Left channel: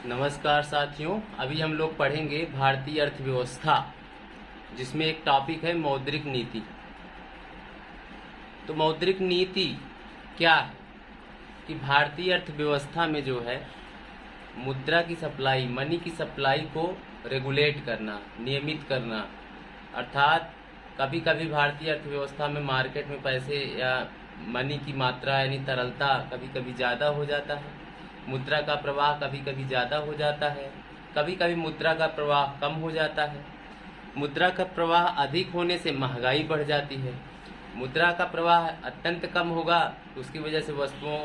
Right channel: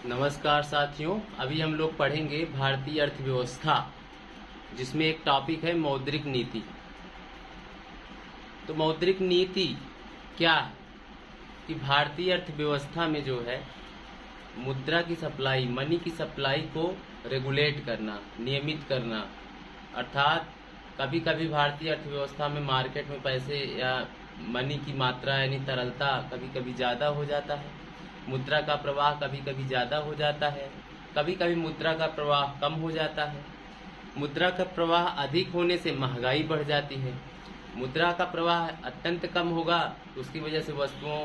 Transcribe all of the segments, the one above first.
नमस्कार साथियों, अभी हम लोग पढ़ेंगे भारतीय अर्थव्यवस्था, जिसमें एक टॉपिक है मौद्रिक नीति। तो मौद्रिक नीति क्या है कि भारतीय अर्थव्यवस्था में जो है मुद्रा की सप्लाई, मनी की सप्लाई को रेगुलेट करना, नियमित करना। अर्थात कभी कभी भारतीय अर्थव्यवस्था में मार्केट में पैसे या मनी की मात्रा यानी तरलता कभी कभी ज़्यादा हो जाता है, मुद्रा का प्रवाह कभी कभी ज़्यादा हो जाता है, कभी कभी मुद्रा का प्रवाह कम हो जाता है। मुद्रा का प्रवाह अधिक होने से महंगाई बढ़ जाती है, मुद्रा का प्रवाह अत्यंत कम होगा तो उसकी वजह से वस्तुओं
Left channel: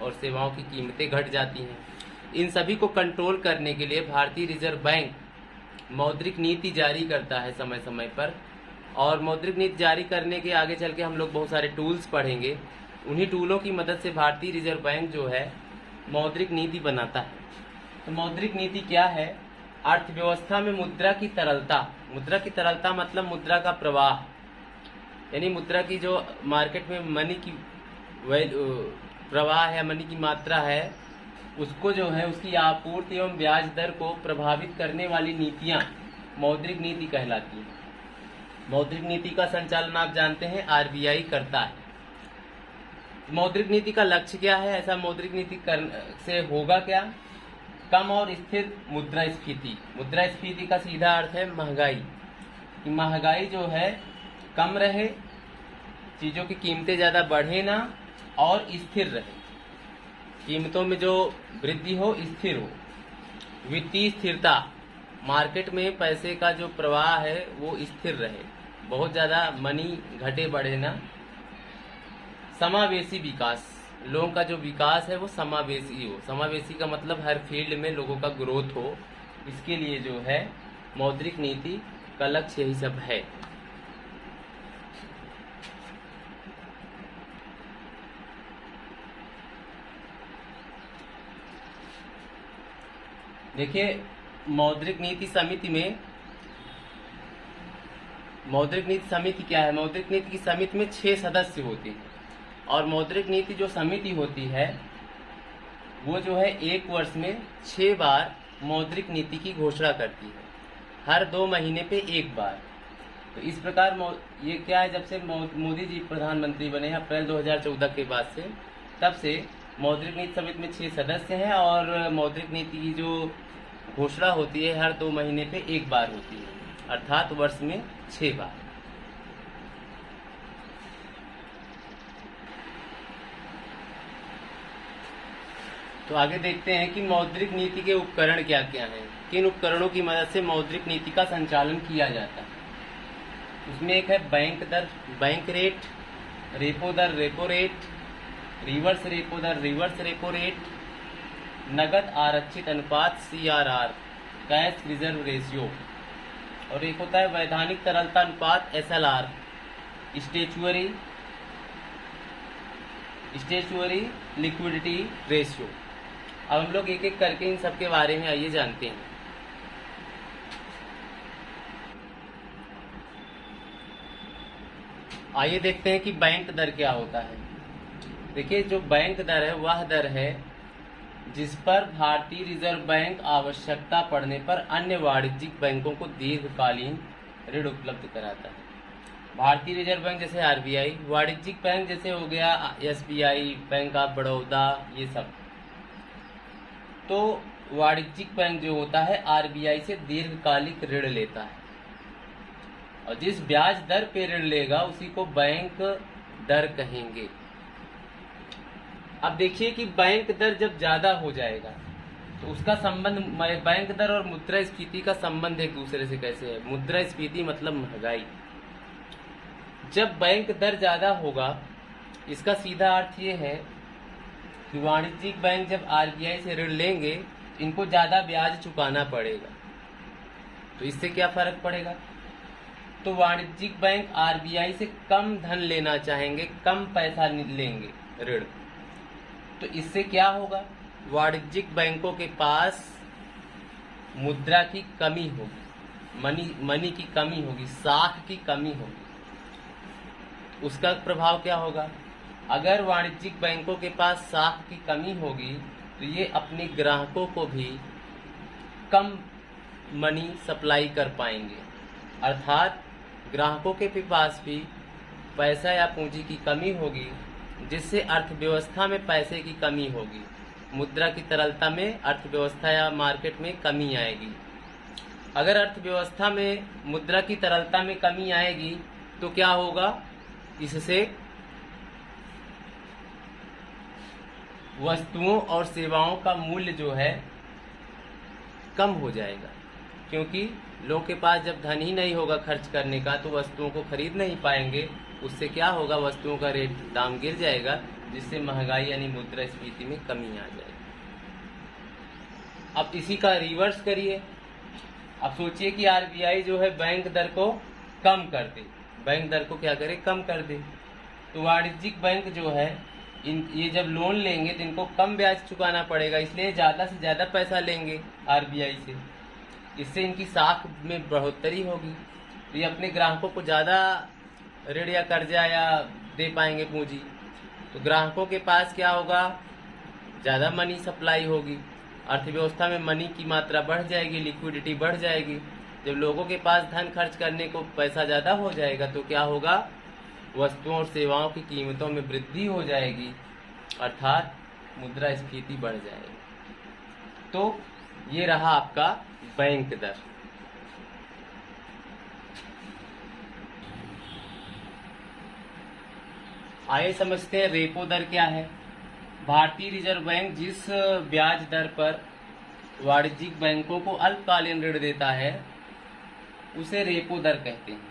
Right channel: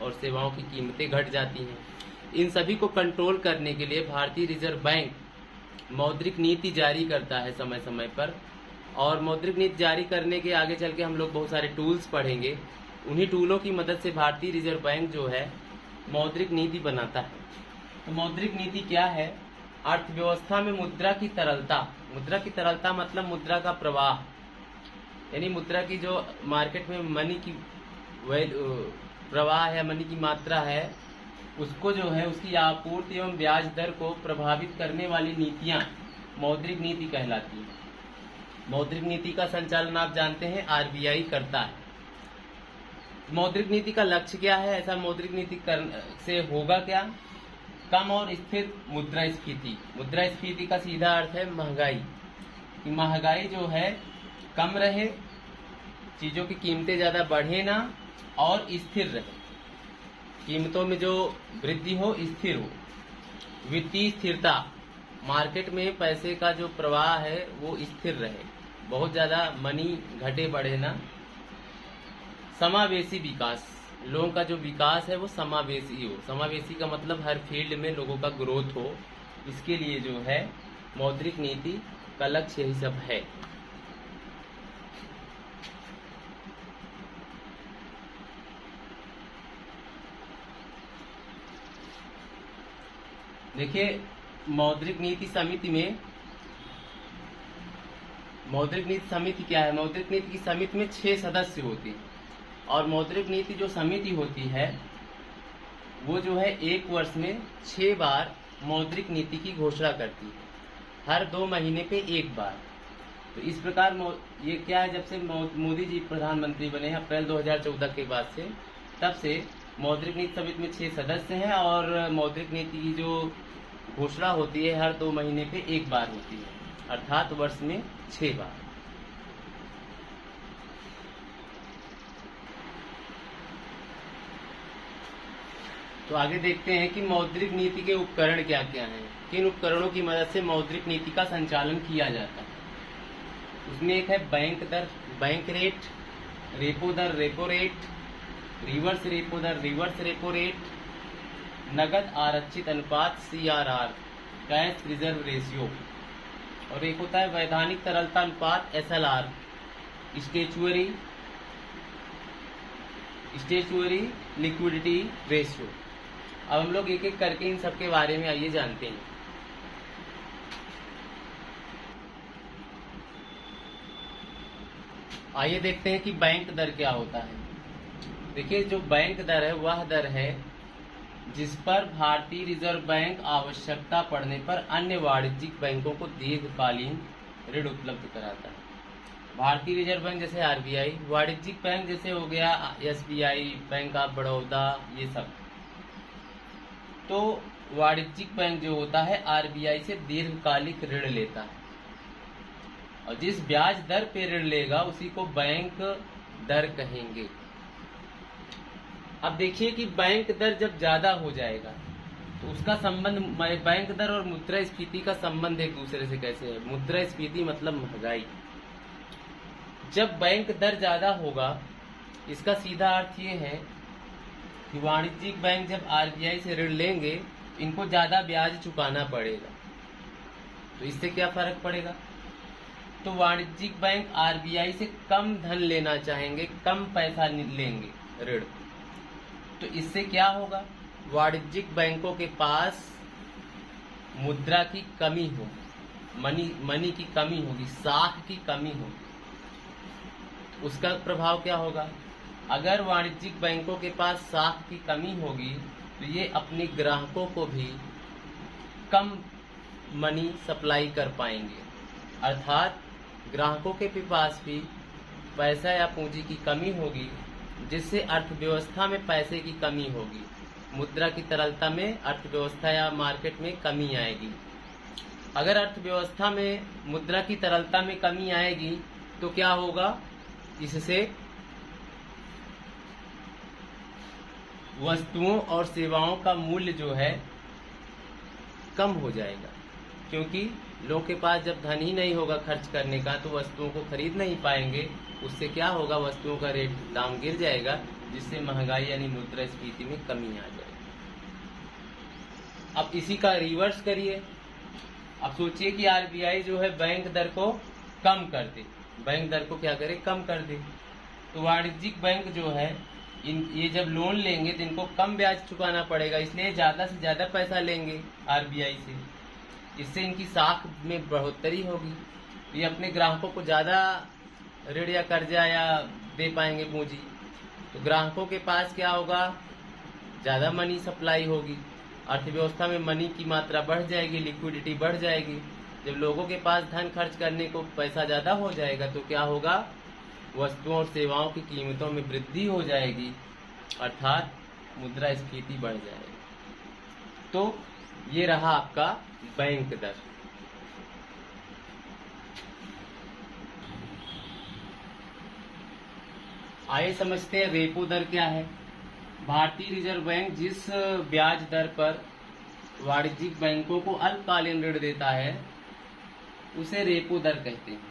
और सेवाओं की कीमतें घट जाती हैं। इन सभी को कंट्रोल करने के लिए भारतीय रिजर्व बैंक मौद्रिक नीति जारी करता है समय समय पर, और मौद्रिक नीति जारी करने के आगे चल के हम लोग बहुत सारे टूल्स पढ़ेंगे। उन्हीं टूलों की मदद से भारतीय रिजर्व बैंक जो है मौद्रिक नीति बनाता है। तो मौद्रिक नीति क्या है? अर्थव्यवस्था में मुद्रा की तरलता, मुद्रा की तरलता मतलब मुद्रा का प्रवाह, यानी मुद्रा की जो मार्केट में मनी की प्रवाह है, मनी की मात्रा है, उसको जो है उसकी आपूर्ति एवं ब्याज दर को प्रभावित करने वाली नीतियां मौद्रिक नीति कहलाती है। मौद्रिक नीति का संचालन आप जानते हैं आरबीआई करता है। मौद्रिक नीति का लक्ष्य क्या है? ऐसा मौद्रिक नीति से होगा क्या? कम और स्थिर मुद्रास्फीति। मुद्रास्फीति का सीधा अर्थ है महंगाई। महंगाई जो है कम रहे, चीजों की कीमतें ज्यादा बढ़े ना, और स्थिर रहे, कीमतों में जो वृद्धि हो स्थिर हो। वित्तीय स्थिरता, मार्केट में पैसे का जो प्रवाह है वो स्थिर रहे, बहुत ज्यादा मनी घटे बढ़े ना। समावेशी विकास, लोगों का जो विकास है वो समावेशी हो। समावेशी का मतलब हर फील्ड में लोगों का ग्रोथ हो। इसके लिए जो है मौद्रिक नीति का लक्ष्य यही सब है। देखिए, मौद्रिक नीति समिति क्या है? मौद्रिक नीति की समिति में 6 सदस्य होते हैं, और मौद्रिक नीति जो समिति होती है वो जो है एक वर्ष में 6 बार मौद्रिक नीति की घोषणा करती है, हर 2 महीने पे एक बार। तो इस प्रकार ये क्या है, जब से मोदी जी प्रधानमंत्री बने हैं अप्रैल 2014 के बाद से, तब से मौद्रिक नीति समिति में 6 सदस्य हैं, और मौद्रिक नीति की जो घोषणा होती है हर 2 महीने पे एक बार होती है, अर्थात वर्ष में 6 बार। तो आगे देखते हैं कि मौद्रिक नीति के उपकरण क्या क्या हैं, किन उपकरणों की मदद से मौद्रिक नीति का संचालन किया जाता है। उसमें एक है बैंक दर, बैंक रेट, रेपो दर, रेपो रेट, रिवर्स रेपो दर, रिवर्स रेपो रेट, नगद आरक्षित अनुपात CRR, कैश रिजर्व रेशियो, और एक होता है वैधानिक तरलता अनुपात SLR, स्टेचुअरी लिक्विडिटी रेशियो। अब हम लोग एक एक करके इन सब के बारे में आइए जानते हैं। आइए देखते हैं कि बैंक दर क्या होता है। देखिए, जो बैंक दर है वह दर है जिस पर भारतीय रिजर्व बैंक आवश्यकता पड़ने पर अन्य वाणिज्यिक बैंकों को दीर्घकालीन ऋण उपलब्ध कराता है। भारतीय रिजर्व बैंक जैसे RBI, वाणिज्यिक बैंक जैसे हो गया SBI, बैंक ऑफ बड़ौदा, ये सब। तो वाणिज्यिक बैंक जो होता है RBI से दीर्घकालिक ऋण लेता है, और जिस ब्याज दर पे ऋण लेगा उसी को बैंक दर कहेंगे। अब देखिए कि बैंक दर जब ज्यादा हो जाएगा तो उसका संबंध, बैंक दर और मुद्रास्फीति का संबंध एक दूसरे से कैसे है? मुद्रास्फीति मतलब महंगाई। जब बैंक दर ज्यादा होगा, इसका सीधा अर्थ ये है कि वाणिज्यिक बैंक जब RBI से ऋण लेंगे, इनको ज्यादा ब्याज चुकाना पड़ेगा। तो इससे क्या फर्क पड़ेगा? तो वाणिज्यिक बैंक RBI से कम धन लेना चाहेंगे, कम पैसा लेंगे ऋण। तो इससे क्या होगा? वाणिज्यिक बैंकों के पास मुद्रा की कमी होगी, मनी की कमी होगी, साख की कमी होगी। उसका प्रभाव क्या होगा? अगर वाणिज्यिक बैंकों के पास साख की कमी होगी तो ये अपने ग्राहकों को भी कम मनी सप्लाई कर पाएंगे, अर्थात ग्राहकों के पास भी पैसा या पूंजी की कमी होगी, जिससे अर्थव्यवस्था में पैसे की कमी होगी, मुद्रा की तरलता में अर्थव्यवस्था या मार्केट में कमी आएगी। अगर अर्थव्यवस्था में मुद्रा की तरलता में कमी आएगी तो क्या होगा, इससे वस्तुओं और सेवाओं का मूल्य जो है कम हो जाएगा, क्योंकि लोग के पास जब धन ही नहीं होगा खर्च करने का तो वस्तुओं को खरीद नहीं पाएंगे। उससे क्या होगा, वस्तुओं का रेट दाम गिर जाएगा, जिससे महंगाई यानी मुद्रास्फीति में कमी आ जाएगी। अब इसी का रिवर्स करिए। अब सोचिए कि आरबीआई जो है बैंक दर को कम कर दे, बैंक दर को क्या करे, कम कर दे। तो वाणिज्यिक बैंक जो है ये जब लोन लेंगे तो इनको कम ब्याज चुकाना पड़ेगा, इसलिए ज्यादा से ज्यादा पैसा लेंगे आरबीआई से। इससे इनकी साख में बढ़ोतरी होगी, ये अपने ग्राहकों को ज्यादा ऋण या कर्जा या दे पाएंगे पूंजी। तो ग्राहकों के पास क्या होगा, ज्यादा मनी सप्लाई होगी, अर्थव्यवस्था में मनी की मात्रा बढ़ जाएगी, लिक्विडिटी बढ़ जाएगी। जब लोगों के पास धन खर्च करने को पैसा ज्यादा हो जाएगा तो क्या होगा, वस्तुओं और सेवाओं की कीमतों में वृद्धि हो जाएगी, अर्थात मुद्रास्फीति बढ़ जाएगी। तो ये रहा आपका बैंक दर। आइए समझते हैं रेपो दर क्या है। भारतीय रिजर्व बैंक जिस ब्याज दर पर वाणिज्यिक बैंकों को अल्पकालीन ऋण देता है उसे रेपो दर कहते हैं।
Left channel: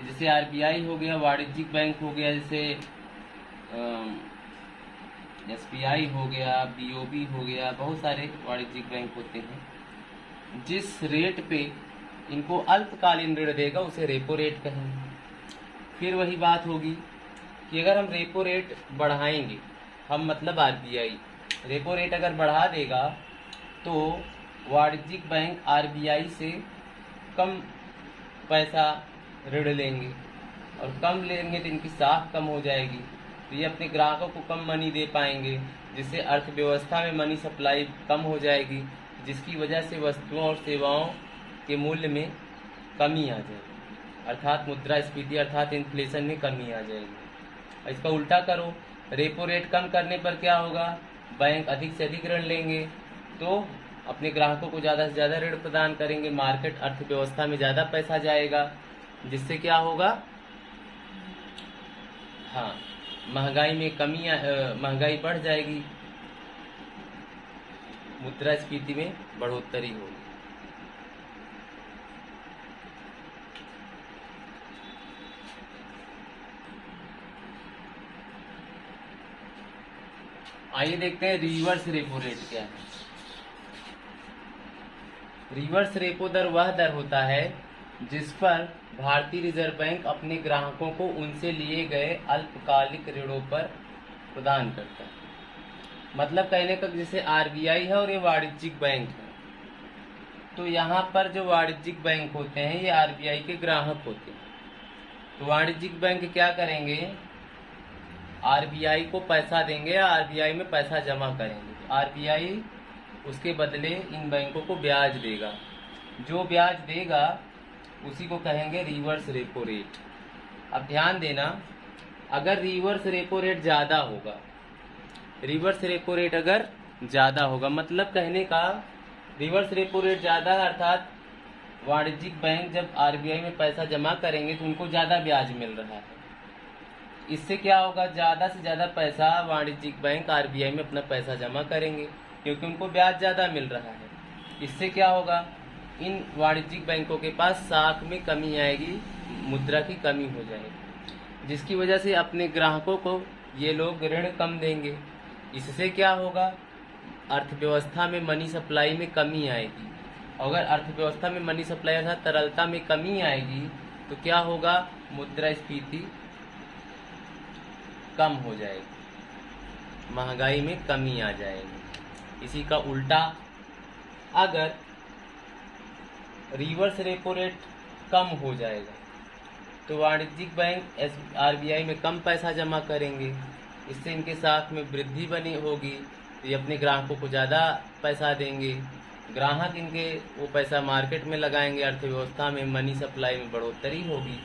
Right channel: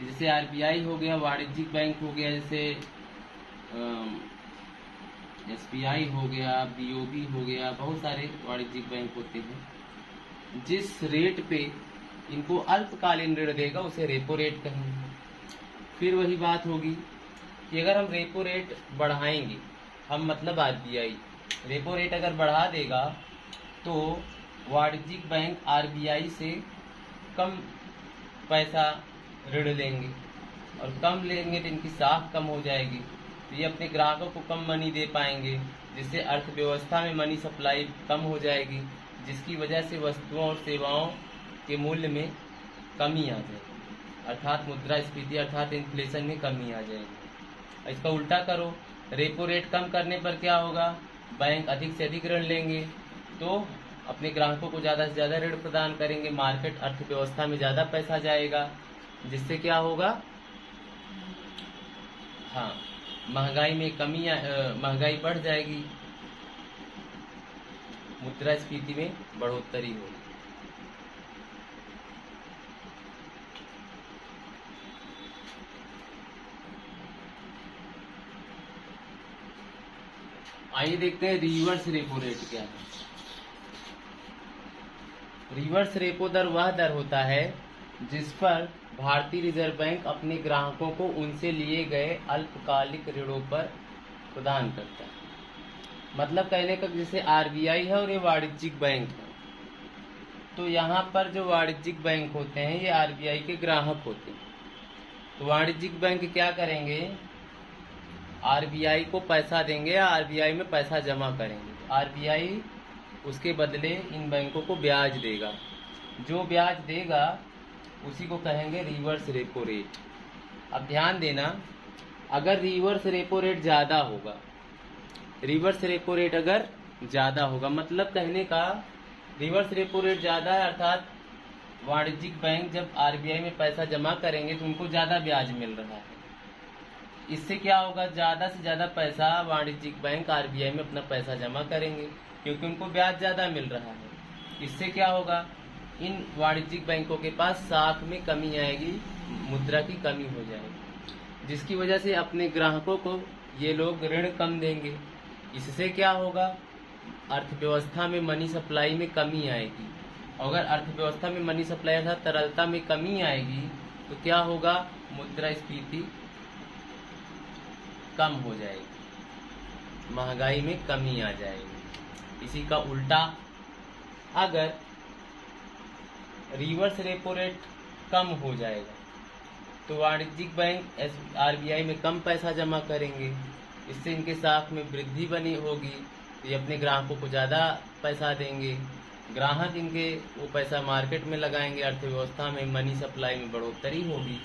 जैसे आरबीआई हो गया, वाणिज्यिक बैंक हो गया, जैसे एसबीआई हो गया, बीओबी हो गया, बहुत सारे वाणिज्यिक बैंक होते हैं। जिस रेट पे इनको अल्पकालीन ऋण देगा उसे रेपो रेट कहेंगे। फिर वही बात होगी कि अगर हम रेपो रेट बढ़ाएंगे, हम मतलब आरबीआई रेपो रेट अगर बढ़ा देगा तो वाणिज्यिक बैंक आरबीआई से कम पैसा ऋण लेंगे, और कम लेंगे तो इनकी साख कम हो जाएगी, तो ये अपने ग्राहकों को कम मनी दे पाएंगे, जिससे अर्थव्यवस्था में मनी सप्लाई कम हो जाएगी, जिसकी वजह से वस्तुओं और सेवाओं के मूल्य में कमी आ जाएगी, अर्थात मुद्रास्फीति अर्थात इन्फ्लेशन में कमी आ जाएगी। इसका उल्टा करो, रेपो रेट कम करने पर क्या होगा, बैंक अधिक से अधिक ऋण लेंगे, तो अपने ग्राहकों को ज़्यादा से ज़्यादा ऋण प्रदान करेंगे, मार्केट अर्थव्यवस्था में ज़्यादा पैसा जाएगा, जिससे क्या होगा, हाँ, महंगाई में कमी, महंगाई बढ़ जाएगी, मुद्रास्फीति में बढ़ोतरी होगी। आइए देखते हैं रिवर्स रेपो रेट क्या है। रिवर्स रेपो दर वह दर होता है जिस पर भारतीय रिजर्व बैंक अपने ग्राहकों को उनसे लिए गए अल्पकालिक ऋणों पर प्रदान करता है। मतलब कहने का जैसे आरबीआई है और ये वाणिज्यिक बैंक है, तो यहाँ पर जो वाणिज्यिक बैंक होते हैं ये आरबीआई के ग्राहक होते हैं। तो वाणिज्यिक बैंक क्या करेंगे, आरबीआई को पैसा देंगे, आरबीआई में पैसा जमा करेंगे, आरबीआई उसके बदले इन बैंकों को ब्याज देगा, जो ब्याज देगा उसी को कहेंगे रिवर्स रेपो रेट। अब ध्यान देना, अगर रिवर्स रेपो रेट ज़्यादा होगा, रिवर्स रेपो रेट अगर ज़्यादा होगा, मतलब कहने का रिवर्स रेपो रेट ज़्यादा है, अर्थात वाणिज्यिक बैंक जब आरबीआई में पैसा जमा करेंगे तो उनको ज़्यादा ब्याज मिल रहा है। इससे क्या होगा, ज़्यादा से ज़्यादा पैसा वाणिज्यिक बैंक आरबीआई में अपना पैसा जमा करेंगे, क्योंकि उनको ब्याज ज़्यादा मिल रहा है। इससे क्या होगा, इन वाणिज्यिक बैंकों के पास साख में कमी आएगी, मुद्रा की कमी हो जाएगी, जिसकी वजह से अपने ग्राहकों को ये लोग ऋण कम देंगे। इससे क्या होगा, अर्थव्यवस्था में मनी सप्लाई में कमी आएगी। अगर अर्थव्यवस्था में मनी सप्लाई अर्थात तरलता में कमी आएगी तो क्या होगा, मुद्रास्फीति कम हो जाएगी, महंगाई में कमी आ जाएगी। इसी का उल्टा, अगर रिवर्स रेपो रेट कम हो जाएगा तो वाणिज्यिक बैंक आरबीआई में कम पैसा जमा करेंगे, इससे इनके साख में वृद्धि बनी होगी, तो ये अपने ग्राहकों को ज़्यादा पैसा देंगे, ग्राहक इनके वो पैसा मार्केट में लगाएंगे, अर्थव्यवस्था में मनी सप्लाई में बढ़ोतरी होगी,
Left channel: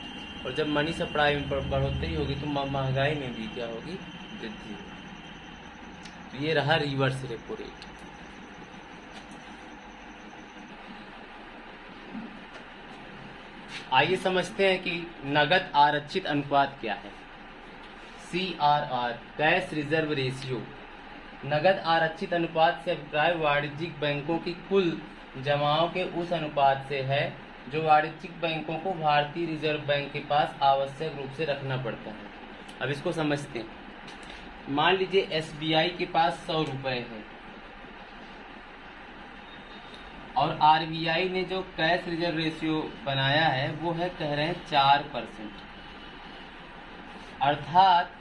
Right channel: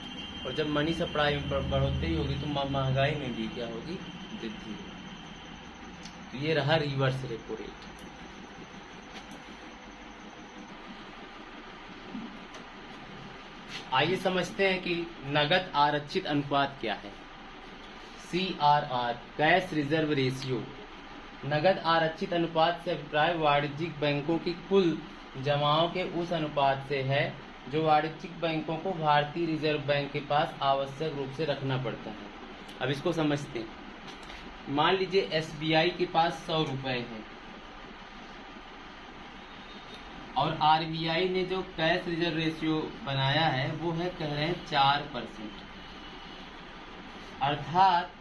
और जब मनी सप्लाई में बढ़ोतरी होगी तो महंगाई में भी क्या होगी, वृद्धि होगी। ये रहा रिवर्स रेपो रेट। आइए समझते हैं कि नगद आरक्षित अनुपात क्या है। CRR, cash reserve ratio. नगद आरक्षित अनुपात से अभिप्राय वाणिज्यिक बैंकों की कुल जमाओं के उस अनुपात से है जो वाणिज्यिक बैंकों को भारतीय रिजर्व बैंक के पास आवश्यक रूप से रखना पड़ता है। अब इसको समझते हैं। मान लीजिए SBI के पास 100 रुपए है और RBI ने जो कैश रिजर्व रेशियो बनाया है वो है, कह रहे हैं 4%, अर्थात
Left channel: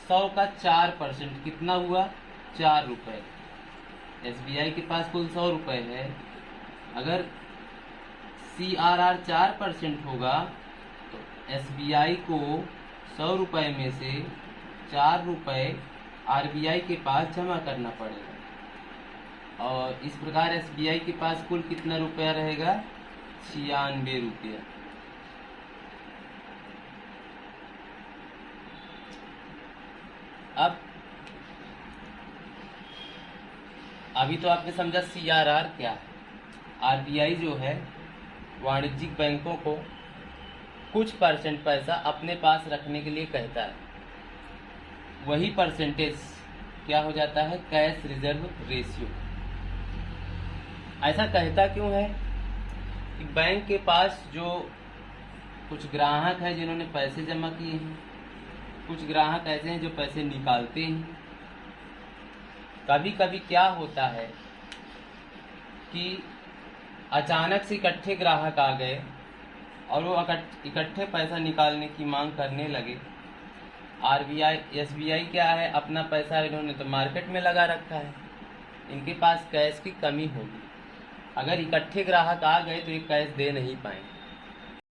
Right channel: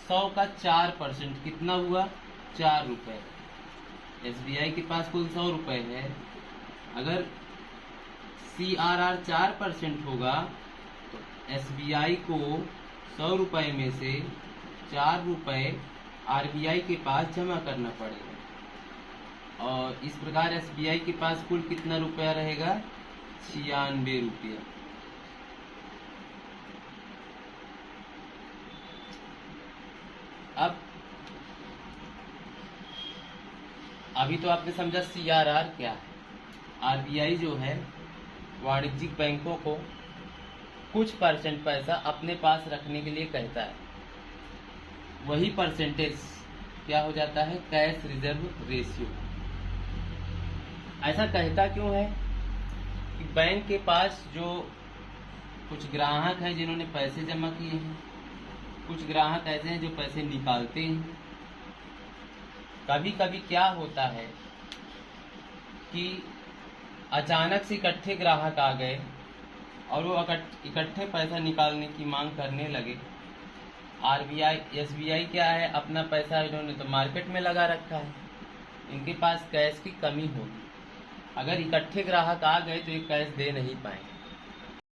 100 का 4% कितना हुआ, 4 रुपए। SBI के पास कुल 100 रुपए है, अगर CRR 4% होगा तो SBI को 100 रुपए में से 4 रुपए RBI के पास जमा करना पड़ेगा, और इस प्रकार SBI के पास कुल कितना रुपया रहेगा, 96 रुपया। अब अभी तो आपने समझा CRR क्या है। RBI जो है वाणिज्यिक बैंकों को कुछ परसेंट पैसा अपने पास रखने के लिए कहता है, वही परसेंटेज क्या हो जाता है, कैश रिजर्व रेशियो। ऐसा कहता क्यों है कि बैंक के पास जो कुछ ग्राहक हैं जिन्होंने पैसे जमा किए हैं, कुछ ग्राहक ऐसे हैं जो पैसे निकालते हैं। कभी कभी क्या होता है कि अचानक से इकट्ठे ग्राहक आ गए और वो इकट्ठे पैसा निकालने की मांग करने लगे। SBI क्या है, अपना पैसा इन्होंने तो मार्केट में लगा रखा है, इनके पास कैश की कमी होगी। अगर इकट्ठे ग्राहक आ गए तो ये कैश दे नहीं पाएंगे।